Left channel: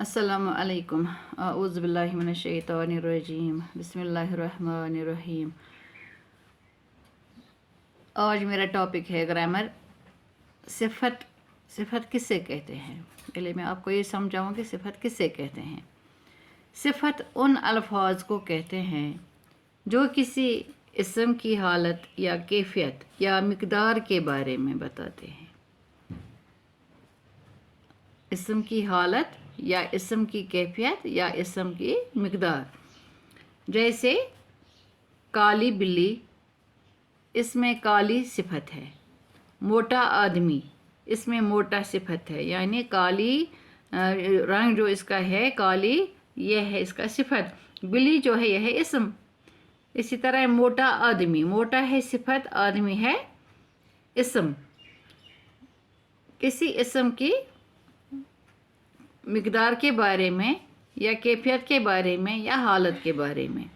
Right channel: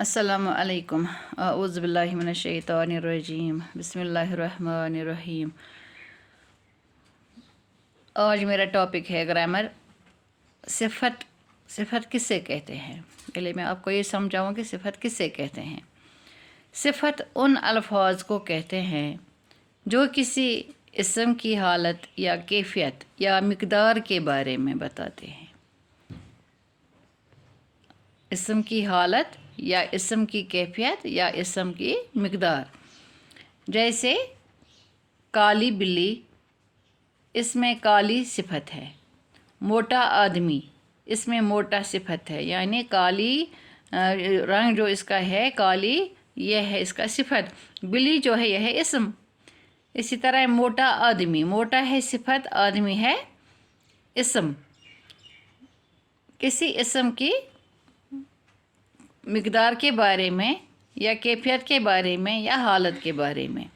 अस्सलामु अलैकुम औज़ु बिल्लाहि मिनश शैतानिर रजीम बिस्मिल्लाहिर रहमानिर रहीम। आज मेरा टॉपिक है ग्रामर। सिफत सिफत किसे कहते हैं। पहले मैं आपको ये समझाऊँ कि सिफत किसे कहते हैं। सिफत उन अल्फाज को कहते हैं जो किसी इस्म की हालत या कैफियत या मिक़दार के बारे में बताते हैं। इस्म की हालत या इस्म की कैफियत या इस्म की मिक़दार। जैसे काली बिल्ली, इसमें काली सिफत है। मोटा आदमी, इसमें मोटा सिफत है, यानी काली रंग जो इसका है काली, यह है इसका सिफत। बिल्ली जो है यह है इस्म। इसी तरह मोटा आदमी, मोटा है सिफत, आदमी है इस्म। किसी इस्म की मिक़दार के बारे में या कैफियत के बारे में या हालत के बारे में।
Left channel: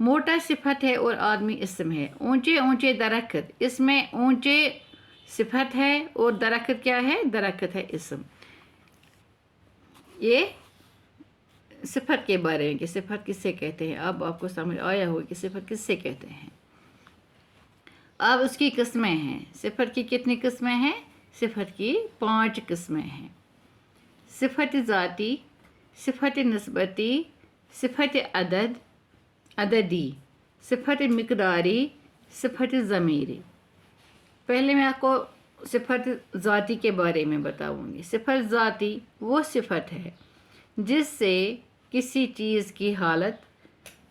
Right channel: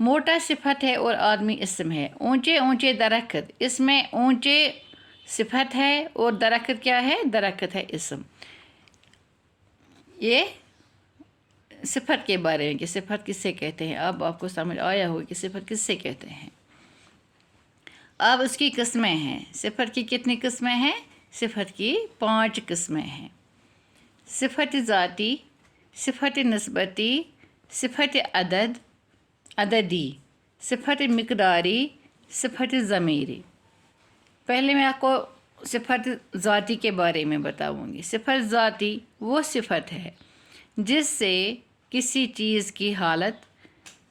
मोटा सिफत है और आदमी इस्म है। ऊंचे ऊंचे दरख्त, इसमें ऊंचे सिफत है और दरख्त क्या है, दरख्त है इस्म। ये सिफत के बारे में कि सिफत किससे कहते हैं। अब आपको समझ आया होगा कि सिफत किससे कहते हैं। अब उसकी किस्में हैं। सिफत की कितनी किस्में हैं। सिफत की 5 किस्में हैं। सिफत ज़ाती, सिफत निस्बती, सिफत अददी, सिफत मिक़दारी, सिफत ज़मीरी। पहले मैं आपको सिफत ज़ाती के बारे में बताऊंगी। सिफत ज़ाती वो सिफत है जिससे किसी चीज़ की हालत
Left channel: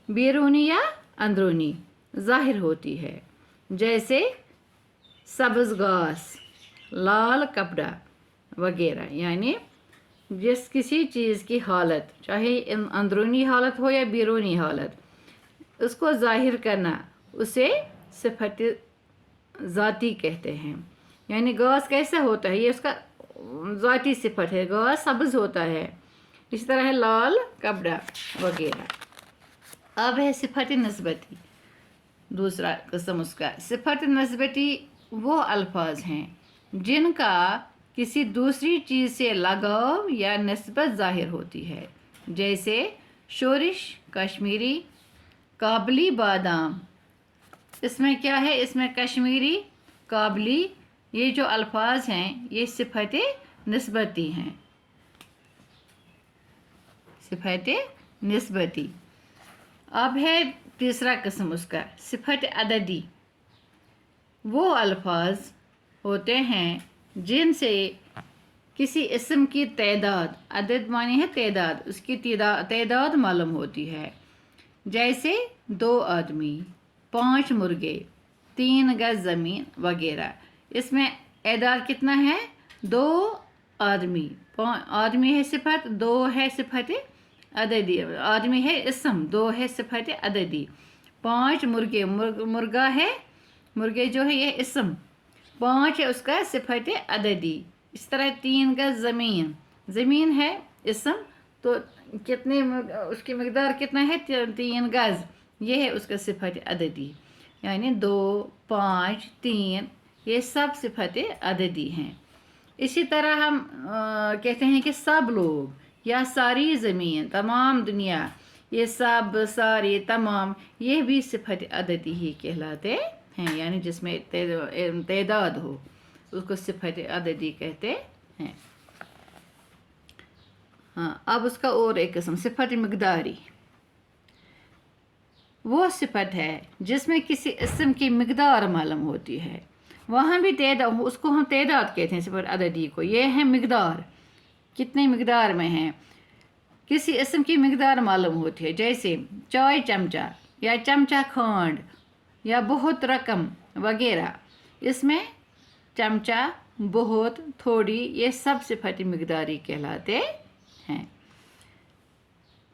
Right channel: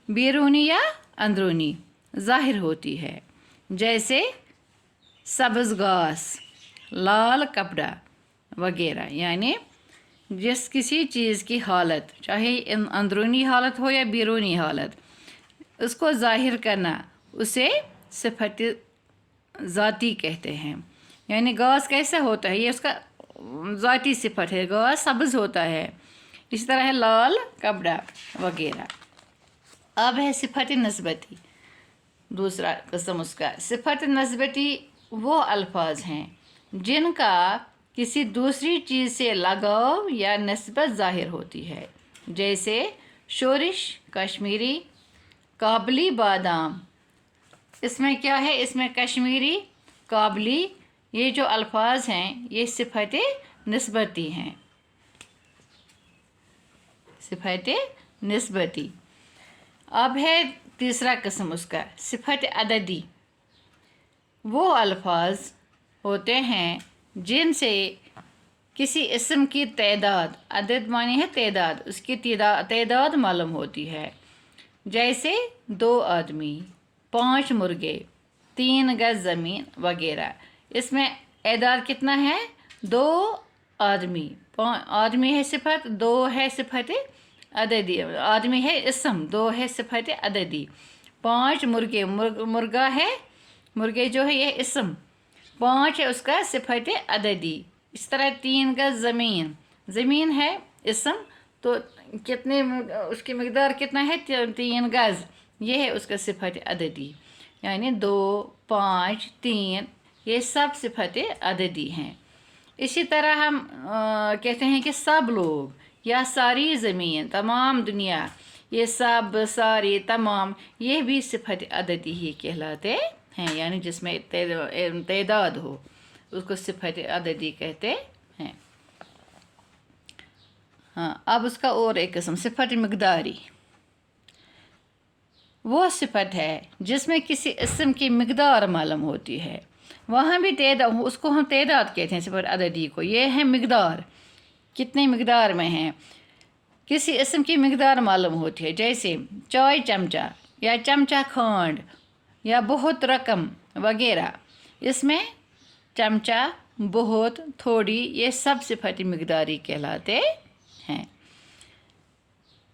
बैरूनी या अंदरूनी ज़ाहिर होती है। जैसे सब्ज़ घास, लाल कपड़ा वगैरह। यानी जिस किसी चीज़ की हालत, चाहे अंदरूनी हालत हो या बैरूनी हालत, उसको ज़ाहिर करना, उसे सिफत ज़ाती कहते हैं। यानी घास कैसा होता है, ये उसका ज़ाती सिफत है। घास सब्ज़ होता है। इसी तरह है लाल कपड़ा वगैरह। अब है सिफत नस्बती, दूसरा किस्म उसका। सिफत नस्बती वो अल्फाज हैं जिनका किसी दूसरी चीज़ से लगाव या नस्बत ज़ाहिर होती है। जैसे शोरिश कश्मीरी, काबली बादाम। इसमें क्या है, इसमें कश्मीरी, काबली, ये जो अल्फाज हैं ये सिफत निस्बती हैं। सिफत निस्बती। अब है तीसरा किस्म उसका, सिफत अददी। वो अल्फाज होते हैं जिनसे किसी इस्म की तादाद, अदद मानी है तादाद, उसकी तादाद मालूम होती है। जैसे 2 आदमी, 5 मुर्गे, 3 गज ज़मीन वगैरह। इसमें तादाद कितना है, 2 आदमी। आदमी है सिफत, 2 है सिफत अददी। आदमी है इस्म, 2 है सिफत अददी। 5 मुर्गे, मुर्गा है, मुर्गे जो है यह इस्म, 5 है उसका सिफत अददी। इस तरह 3 गज ज़मीन, ज़मीन है इस्म, तो कितने उसकी मिक़दार कितना है, 3 गज, ये है उसका सिफत अददी। यानी 2, 5, 3 ये सब सिफत अददी हैं। इसी तरह हम कहते हैं कि सब लोग या सारी ज़मीन, तमाम दुनिया, ये सब, सारे, तमाम, ये भी सिफत अददी ही कहलाते हैं। यानी जिसमें तादाद हो उसको सिफत अददी कहते हैं। हाँ, अब उसका और एक किस्म सिफत मिक़दारी। वो सिफत है जिसमें किसी इस्म की मिक़दार मालूम होती है। वहाँ भी तादाद, उसको हम तादाद कहते हैं सिफत अददी को। ये है मिक़दार, कितने मिक़दार में हैं, किसी इस्म की मिक़दार मालूम होती है। जैसे चाय चमचा या चमचा खंड या बहुत रकम वगैरह। इसमें चमचा, बहुत, थोड़ी, ये सब सिफत मिक़दारी कहलाते हैं।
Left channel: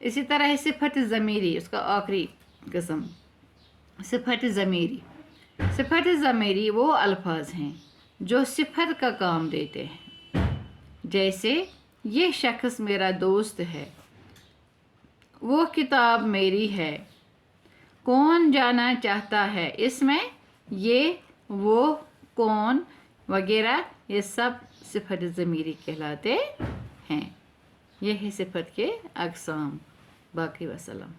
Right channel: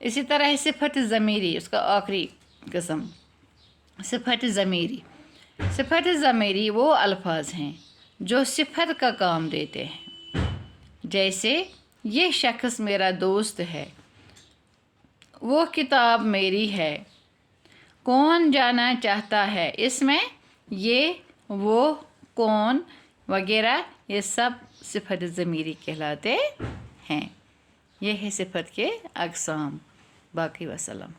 इसी तरह सिफत ज़मीरी, उसका आखिरी किस्म सिफत ज़मीरी। सिफत ज़मीरी वो अल्फाज हैं जो सिफत का काम देते हैं। जैसे ये शख्स मेरा दोस्त है, वो किताब मेरी है, कौन जाना चाहता है। इसमें ये, वो, कौन वगैरह ये सब सिफत ज़मीरी कहलाते हैं। یہ ہے صفت کے اقسام. باقی وسلام.